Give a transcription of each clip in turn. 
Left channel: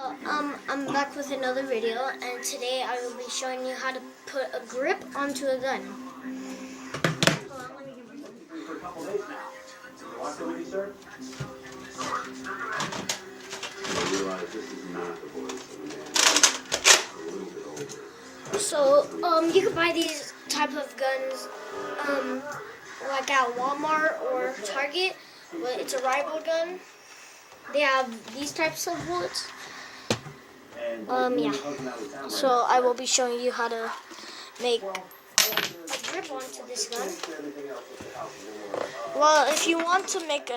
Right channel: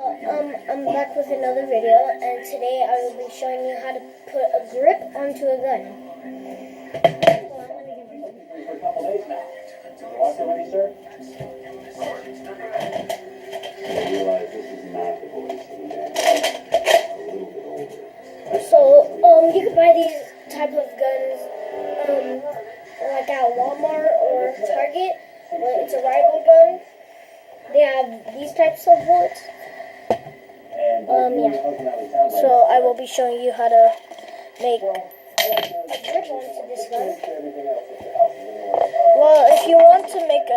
I'm back with another video, and today I will be showing you how to put a grip onto a gun. For a couple days now. You want some ready, sir? I realize this is not the voice of a man a little bit older. So, you can buy these type of guns, like at Walmart or Target, but it's a rival gun. They have these types of bullets. Yeah. So I will be showing you how to make a grip onto this gun. Well, if you want to make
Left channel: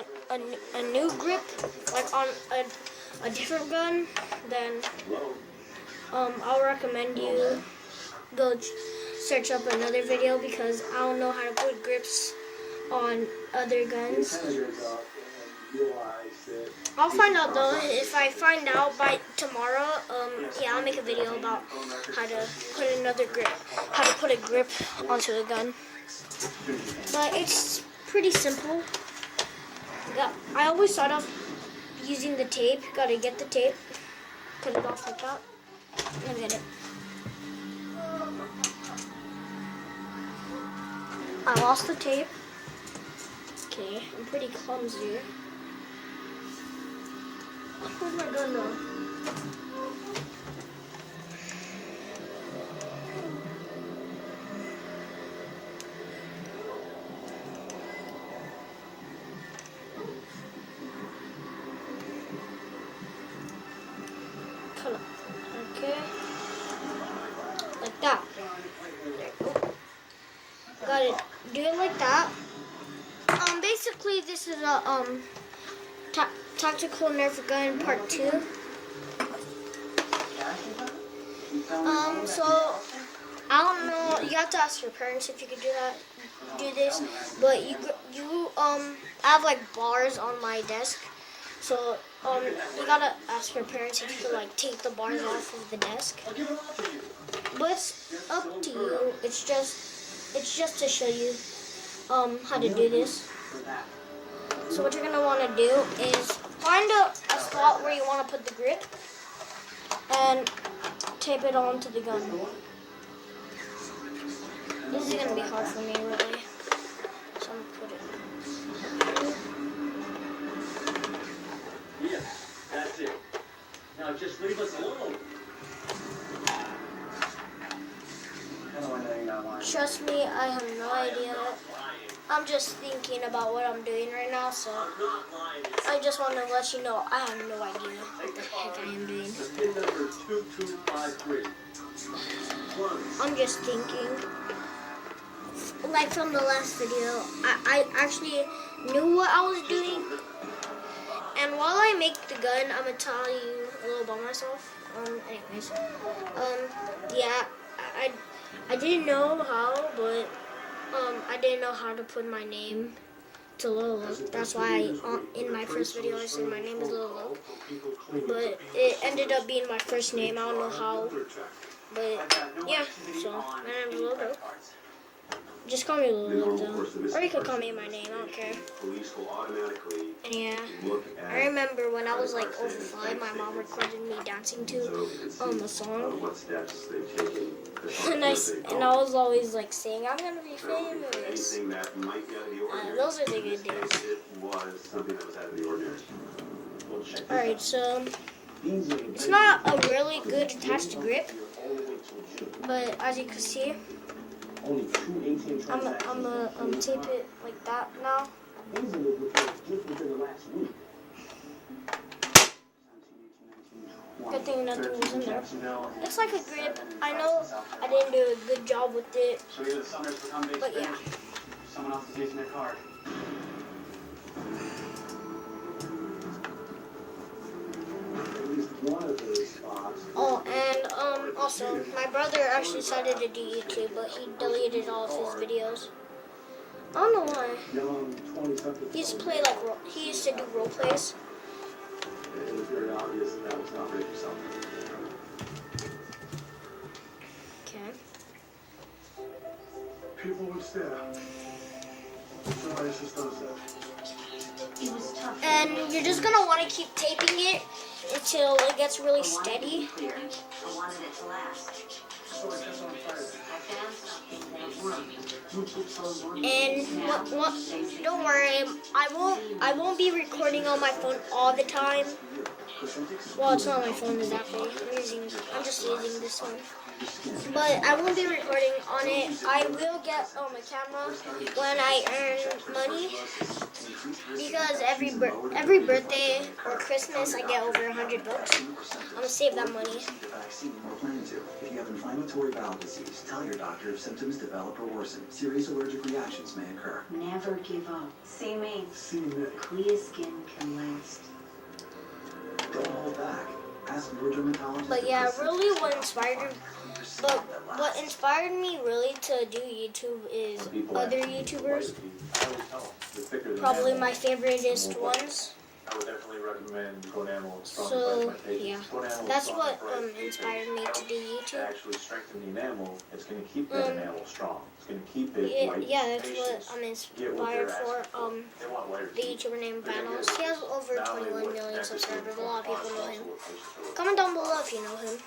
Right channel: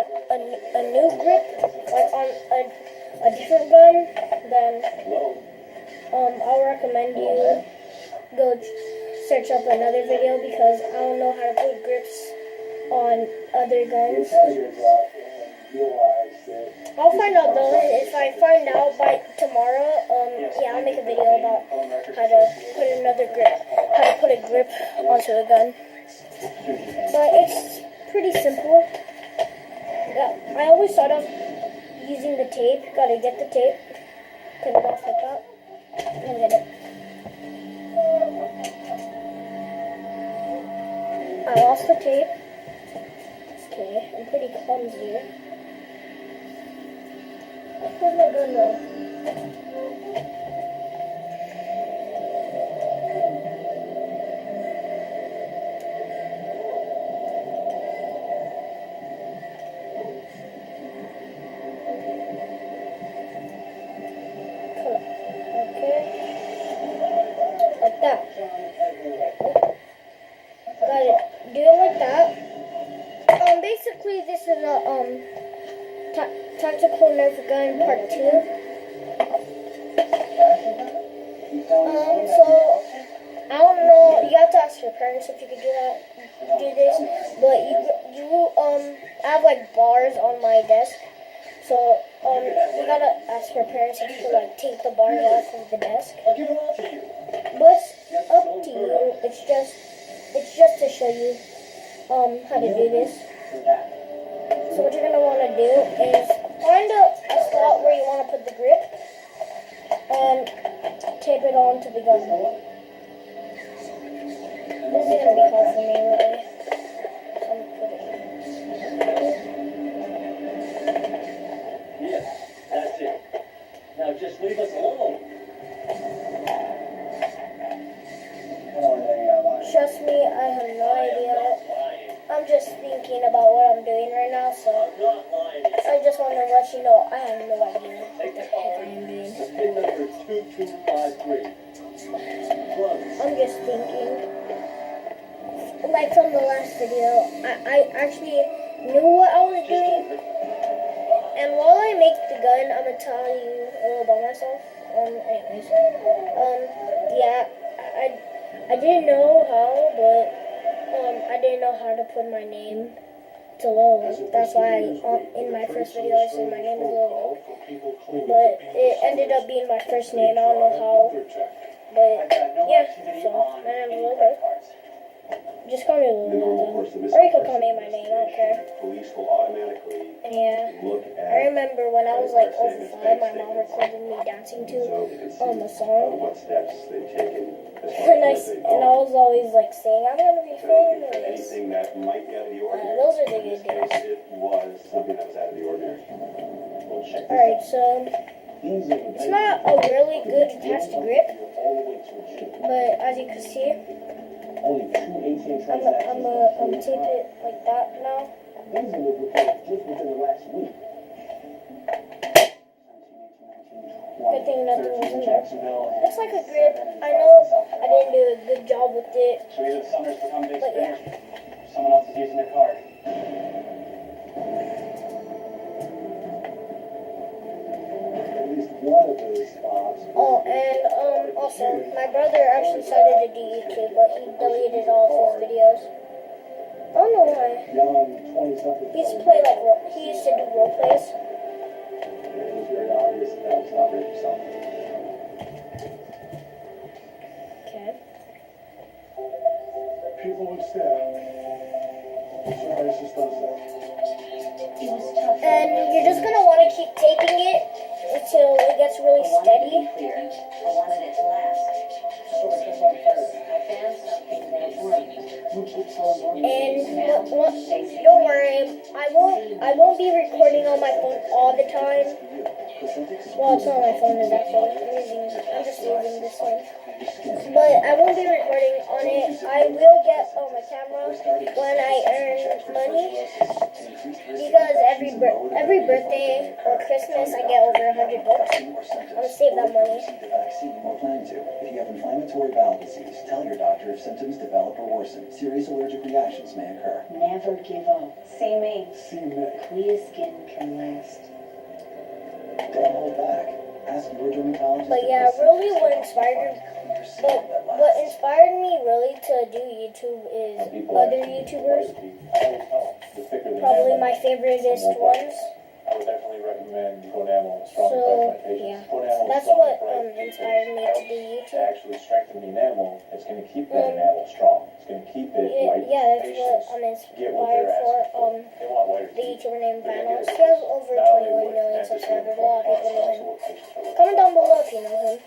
a new grip, like on a different gun, then I'll recommend you go search up another video, because I don't know how to put grips on other guns. I'll find out though. If I find out by tomorrow, yeah, I'll make a video about how to put another grip, how to put a grip onto the gun. But it's pretty simple. I always start off using the tape. Gotta get the tape, cut it off like that, and get it. I lost the tape. Okay, I'm pretty clumsy. Where's my gun though? Okay. Like that. Got it. Do it like that. Basically this is a tactical Nerf gun part 2. So I don't know. You have to ask your parents if you could do this. But you I have like bars on my desk. So you gotta ask your parents if you could like take the bars off of the desk. But it's up to you. It's just to show you how to do this. So what you're going to want to do is find a slot where you want to put the grip and tape it onto the gun. This is going to be hard for me, really. So I'm going to put it in. Yeah, that's it. Now just leave us alone. Trust me, I have no idea. I'm just thinking about what I'm doing right now, so I just want to let you know I have no idea what the heck I am doing. I'm just thinking. Like from the last video, I actually knew what I was doing. And while I make the gun, I'm going to tell you a little about myself. Anyways, yeah, I didn't know how, but I didn't know how to put my name to Lolo. That's why in my first video I said my name is Lolo. But it ended up being my first name. I don't know how. But yeah, so my name is Lolo. Just call me Lolo though. Or you could call me my name, I don't care. And yeah, I remember when I was like over 5, my mom recorded me dancing to a song. And I was always like saying, I'm gonna be famous. Those are the good days. Alright, so it's not a really good attached grip, but as you can see, I'm gonna tape it like that now. Good thing nothing was in there. Looks like a grip. I know I didn't do a good job with it, but yeah. Someone else is using their card. Oh, and also, my brother actually decided to do YouTube, but he deleted all of his videos. I don't know why. He used to play like he used to do role plays. It was very obvious that was not right yourself. Okay. People would stare. Somebody just does that. And you're just gonna want to keep taping it until it gets gets really steady. I wanted it to last. So it goes on further. I found something that works. You keep on And don't worry, I won't be recording on my phone all the time. Well, it's not my phone exactly. I'm just using this one. But I won't be recording on it. I will get on my camera when I earn money, because every birthday or Christmas I get over 100 bucks. I'm gonna save that money. We're planning to. If you have inflammatory bowel disease, tell your doctor if symptoms develop or worsen. Serious allergic reactions may occur. Never give up. See me. Clear skin can last. Don't hold back. Ask your dermatologist. But yeah, really what inspired me really to do YouTube is other YouTubers. Probably my favoriteest ones. I would definitely recommend Gonamo. So yeah, that's what inspired me to do To YouTube. actually strengthen the enamel, it's going to keep the enamel strong. It's going to keep it white. Yeah, that's what I'm inspired for. They want whiter The teeth. YouTuber named Vanos. He has over 21 million subscribers. A lot of people know him. Comment down below if you know him.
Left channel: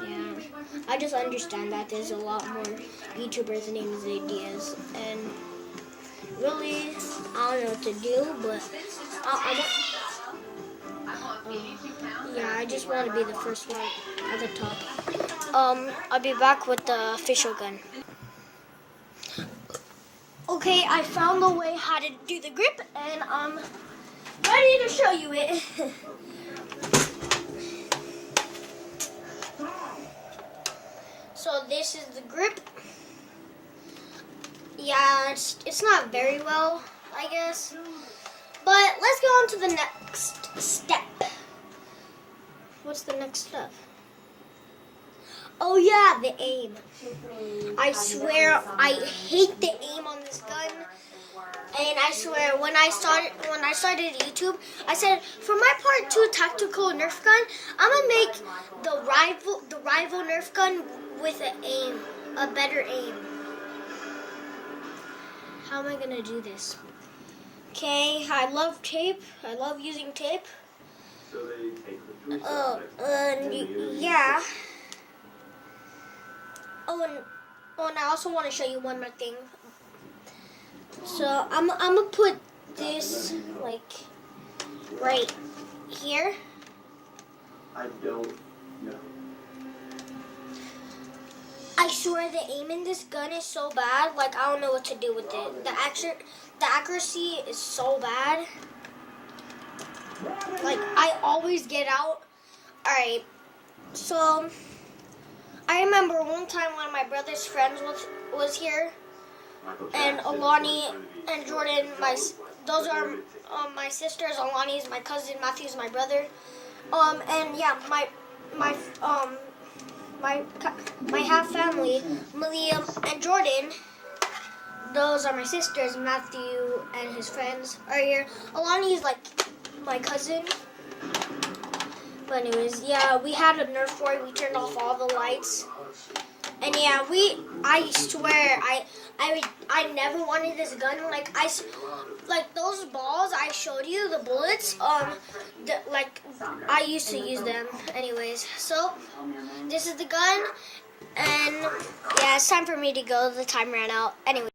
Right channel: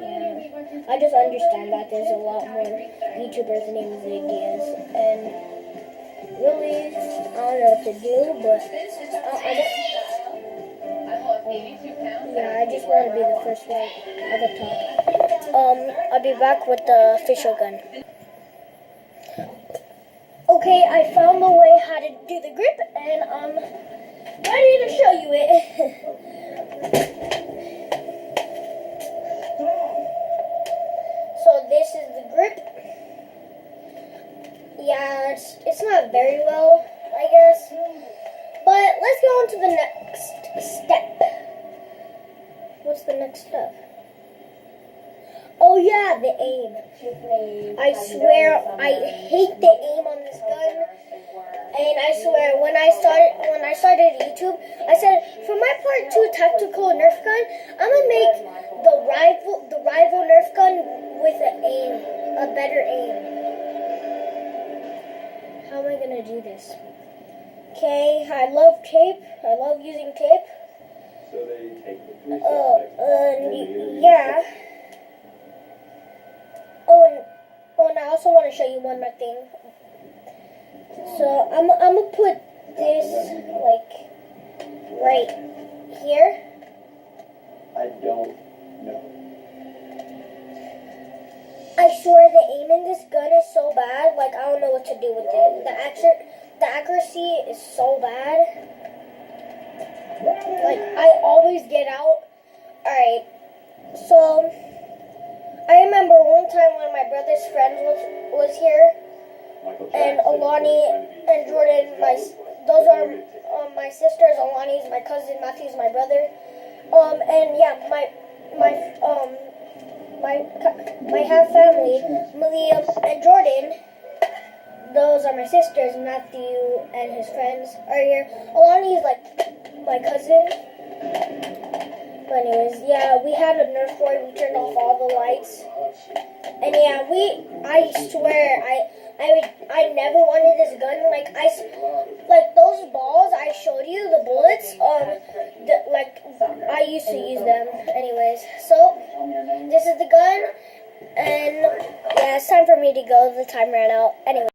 Yeah, I just understand that there's a lot more YouTubers named Diaz, and really, I don't know what to do, but yeah, I just want to be the first one at the top. I'll be back with the official gun. Okay, I found the way how to do the grip, and I'm ready to show you it. So this is the grip. Yeah, it's not very well, I guess. But let's go on to the next step. What's the next step? Oh yeah, the aim. I swear I hate the aim on this gun. And I swear when I started YouTube, I said for my part 2 tactical Nerf gun, I'm gonna make the rival Nerf gun with an aim, a better aim. How am I gonna do this? Okay, I love tape. I love using tape. So they take the food Yeah. And I also want to show you one more thing. So I'm gonna put this like right here. I don't know. I swear the aim in this gun is so bad. Like I don't know what to do with it. The accuracy is so bad. Like I always get out. Alright, so I remember one time when my brother's friends was here, and Alani and Jordan, those are my sisters. Alani is my cousin, Matthew is my brother. And yeah, my half family, Malia and Jordan, those are my sisters. Matthew and his friends are here. Alani is like my cousin. But anyways, yeah, we had a Nerf war. We turned off all the lights. And yeah, I swear, I never wanted this gun. Like those balls I showed you, the bullets, I used to use them. Anyways, so this is the gun, and yeah, it's time for me to go. The time ran out. Anyway.